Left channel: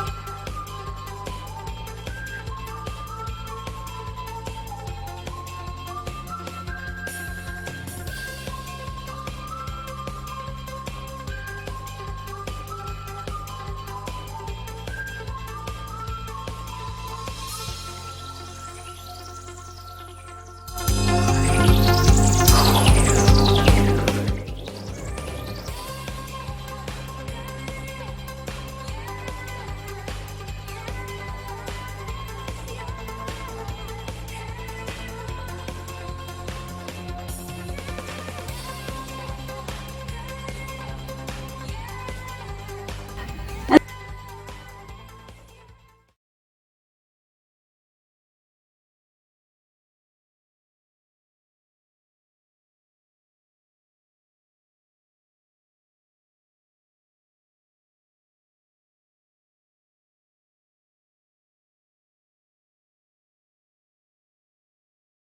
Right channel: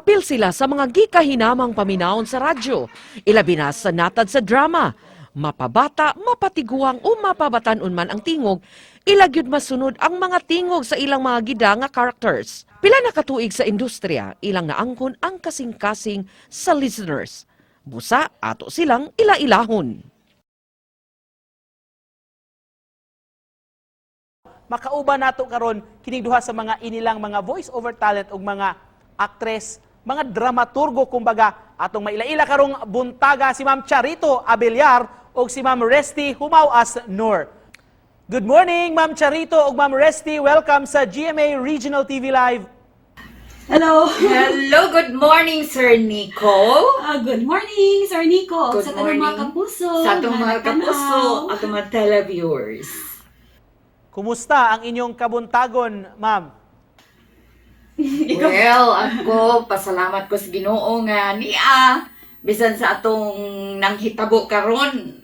Apil sila sa mga gikahinamang paminawon sa radyo, ilabi na sa natad sa drama. Mapabata, mapatiguang o mapabatanon man ang tingog, ilagyod masunod ang mga tingog sa ilang mga gida nga characters. Pila na katuig sa industriya, ilang naangkon ang kasing-kasing sa listeners. Musa, ato silang ila-ilahon. Makauban nato karon kining duha sa mga inilang mga voice over talent ug mga aktres, mga dramaturgo kumbaga, atong maila-ila karong buntaga si Ma'am Charito Abellar ug si Ma'am Resty Humaw-as Nur. Good morning Ma'am Charito ug Ma'am Resty, welcome sa GMA Regional TV Live. Hello! Hello, good morning, Sir Nico. Good morning, Sir Nico. Good sa tanong mga morning. kapuso. Sa atong mga nagtanaw. kapuso at mga televiewers. Kumusta ang inyong kabuntagon, Ma'am? Well, ako, pasalamat ko sa Ginoo nga niya. Bisan sa atong nanghitabo karon,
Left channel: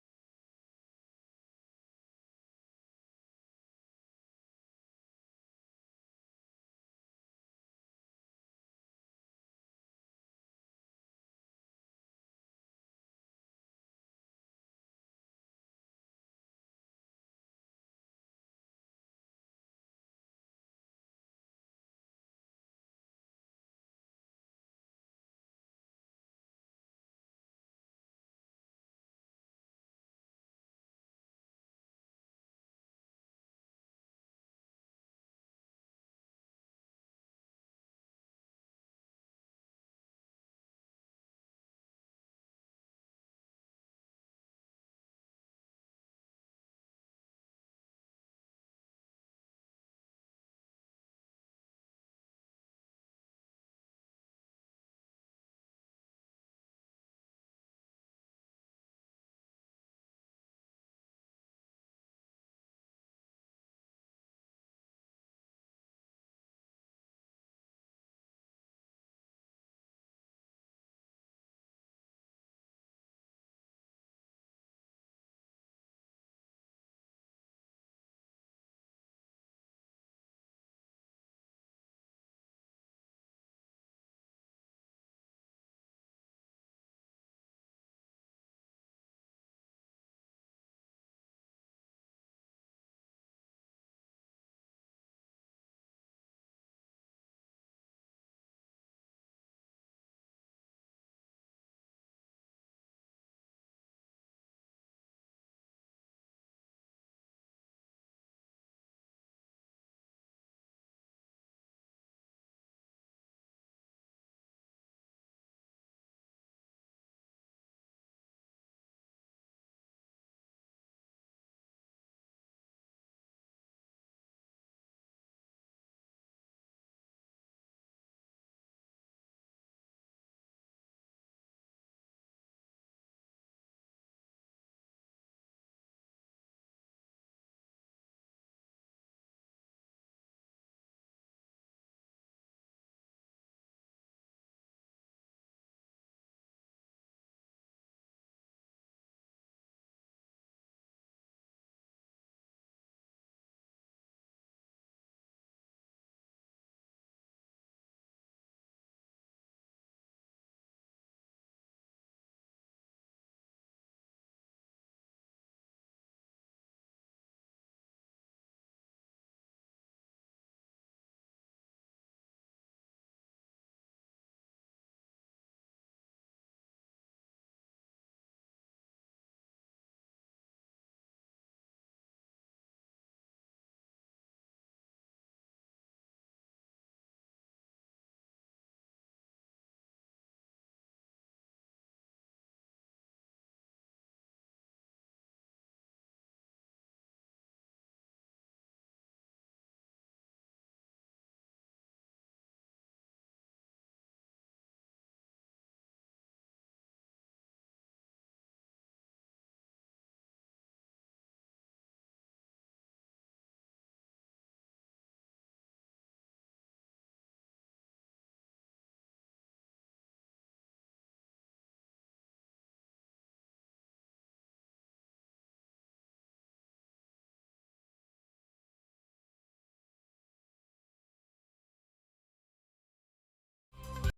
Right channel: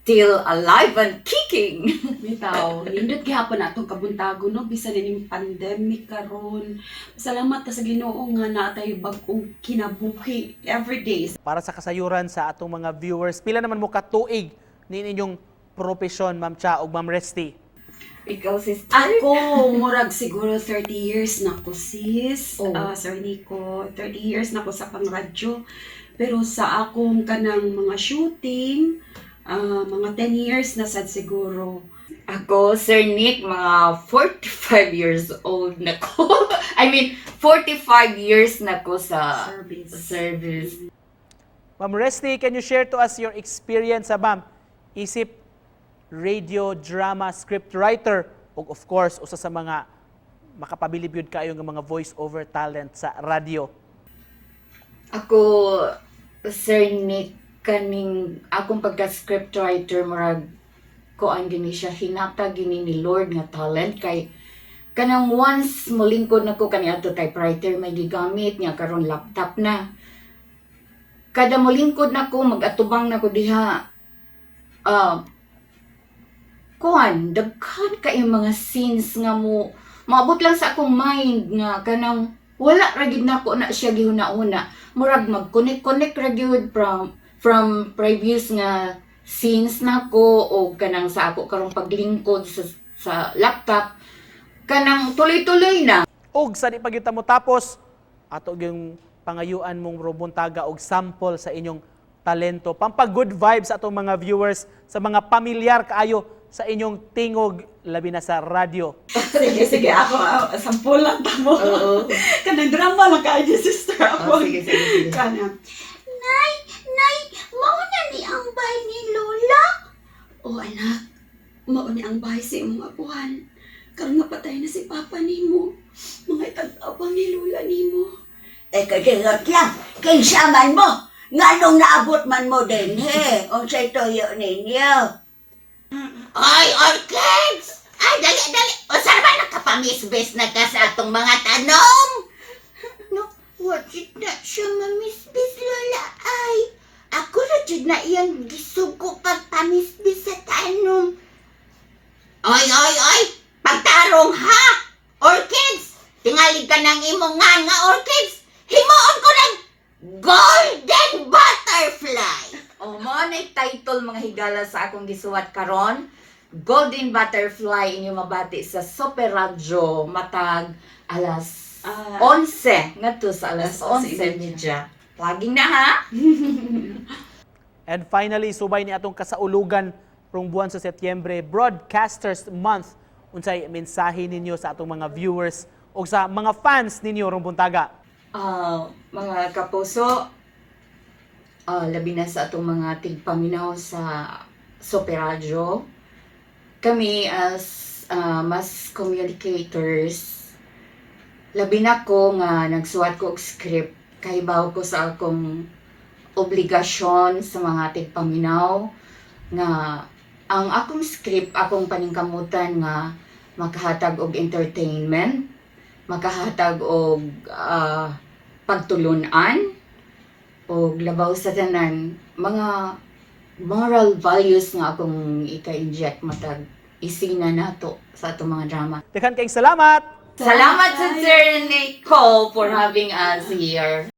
still alive and kicking. Bitaw, nindot gihapon na atong kabuntago, no? Bisan ning pandemic karon. Salamat ta sa Ginoo nga natay bag-ong kinabuhi every day. Para sa kasayuran sa atong mga viewers, pila naman mo katuig ni inyong profesyon, Ma'am Cha ug Ma'am Resty? Ikaw, sister. Ako, murag siguro 30 years na ko, sis. Oh. Sir Nico, 30 years na ko sa pangradyo. Pero sa akong kanang mga shooting, mga 10 years na sad siguro. Ako, Sir Nick, mga 45 years old na ko. I mean, 45 years na ko sa service. Ma'am Resty, can you share to us your experience sa ma'am? Isip radio, drama, scriptwriter, ug of course, usa sa mga makapabilib yun kayo ng mga voice-over talent sa radio. Ako, Sir Nick, kaning akong pagka-scriptwriter, murag ko ang gini siya, hinata gini ni Lord nga talent, kay kanang once molingkod na ko kani ato typewriter may gigamit niya karon laptop na. Kada molingkod na ko, mag-atubang na ko diha, kuan, daghan kay mga scenes nga mo maabot lang sa akong mind nga kanang wala ra gid nako na siya gihuna-una, murag mag-connect ra gyud from previous nga scenes nako o kanang sa ako karong paglingkod sa laptop kanang tuloy-tuloy na. Og sa di pagyuta mo tapos, ato yung pangayuan mong robuntaga og sample sa inyong talento, pampag-good vibes sa atong mga viewers, sa mga pamilyar kaayo sa inyong tingog, labi na sa radyo. Sige, ako, sampulan ta mo. Oo. Kanang drama lang kayo, sister ako. Sige. Kanang, Nay, mauna ni ang bahay ni Lola? O anak, mauna ang bahay sa imong apuhan. Karon nga patay na si Papa nimo. Mga itag-abang ni Lola nimo. Kadingot lang, kay saman mo. Nga nung naabot man mo din, he. Unsay toyo ninyo. Oy, kids! Ay, dali! O saan ba nakapamisbes na ka sa atong mga tanom? No, what did na siya mamisbes, Lola? Ay, ako na did na iyang gisugo pagpamisbes sa tanom. Oy! Pagtarong ha! Orchids! Tingali ka ng imong nga orchids! Himuon ko ng golden butterfly! O mo na title mga higala sa akong gisuwat karon, Golden Butterfly inyo mabati sa Super Radyo matag alas 11 ngadto sa alas 11:30. Laging na ha. And finally, subay ni atong kasaulugan rong buwan sa Setyembre, Broadcasters Month. Unsay mensahe ninyo sa atong mga viewers o sa mga fans ninyo rong buntaga? Mga kapuso, labi na sa atong mga tigpaminaw sa Super Radyo. Kami as mass communicators, labi na ko nga nagsuwat ko og script, kahibaw ko sa akong obligasyon sa mga tigpaminaw nga ang akong script akong paningkamutan nga makahatag og entertainment, makahatag og pagtulunan o labaw sa tanan mga moral values nga akong ika-inject matag isina nato sa atong mga drama. Daghan kayong salamat! Salamat sa Sir Nicole for having us here.